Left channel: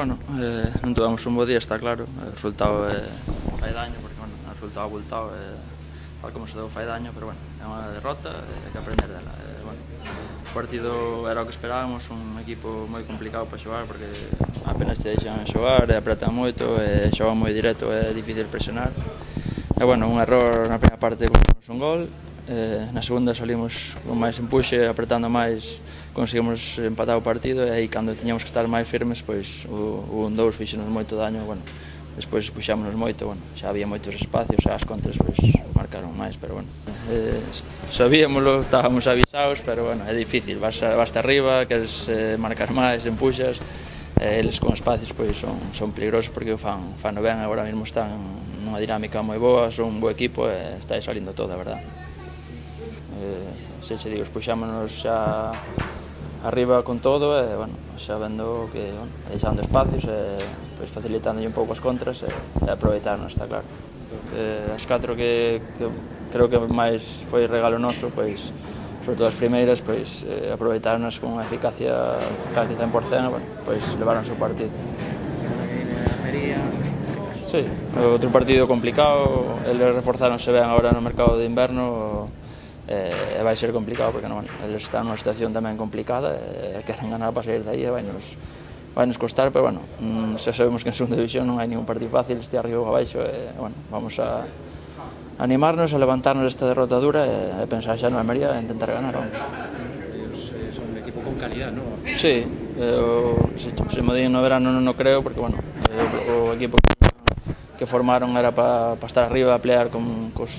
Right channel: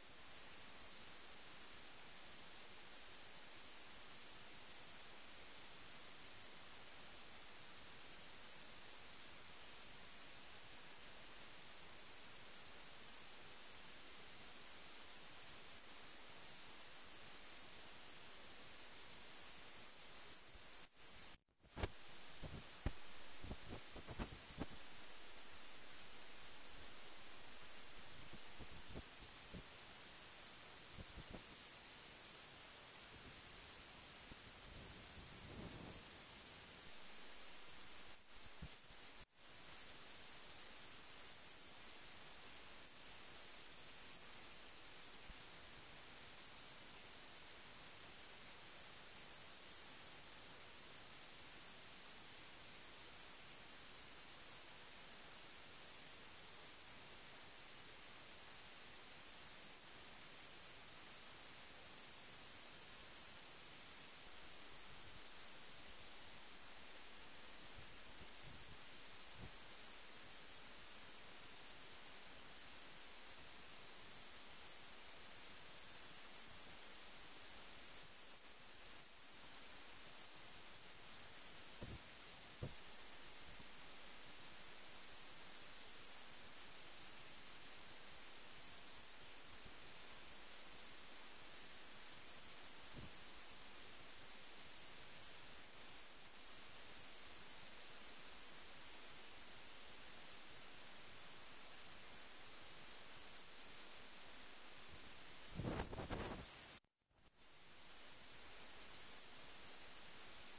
Bueno, non tivemos un bo día, está claro. O resultado fai daño, porque bueno, o resultado abultado, tal como se deu fai daño, pero bueno, é unha derrota e hai que aprender dela. Bueno, o partido era o que esperábamos, un equipo moi complicado para xogar, porque apenas te deixan xogar, apretan moito, xogan moi directo, é difícil presionar. E bueno, un error na primeira parte conseguimos un gol, na segunda salimos con máis empuxe, apretando máis, conseguimos empatar o partido, e aí cando tiñamos que estar máis firmes, pois o 1-2 fixenos moito daño, bueno, despois puxámonos moito, bueno, xa había moitos espacios, xa as contras pois marcaron máis, pero bueno, sabíamoslo, estábamos avisados, pero bueno, é difícil, vas arriba, queres marcar máis, empuxas, eles con espacios pois son peligrosos porque fan ben, agora mesmo están nunha dinámica moi boa, son un bo equipo e está salindo todo, a verdade. Se che digo, puxámonos xa arriba con todo e, bueno, xa vendo que, bueno, deixando espacios e pois facilitándolle un pouco as contras e aproveitarnos, está claro. As 4 que creo que máis foi regalo noso, pois, sobre todo as primeiras, pois aproveitarnos con unha eficacia casi 100%, bueno, pois levaronse o partido. Sí, outro partido complicado, eles reforzáronse ben agora no mercado de inverno, e vai ser complicado porque eles están nunha situación tamén complicada e queren ganar para sair de aí e vai nos costar, pero bueno, xa sabemos que en segunda división non hai ningún partido fácil, este arriba ou abaixo, e bueno, vamos a animarnos, a levantarnos esta derrota dura e pensar xa no Almería e intentar ganar, vamos. Son un equipo con calidad, ¿no? Sí, se me digan no verano non o creo, porque bueno, o equipo que formaron era para estar arriba a pelear cos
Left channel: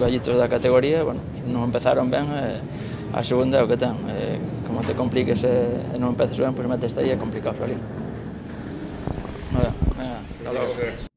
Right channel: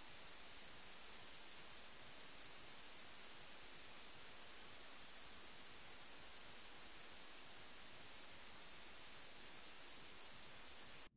gallitos da categoría, bueno, non empezaron ben, a segunda é o que ten, como te compliques e non empeces ben, pois metes aí, é complicado salir. Venga, hasta logo.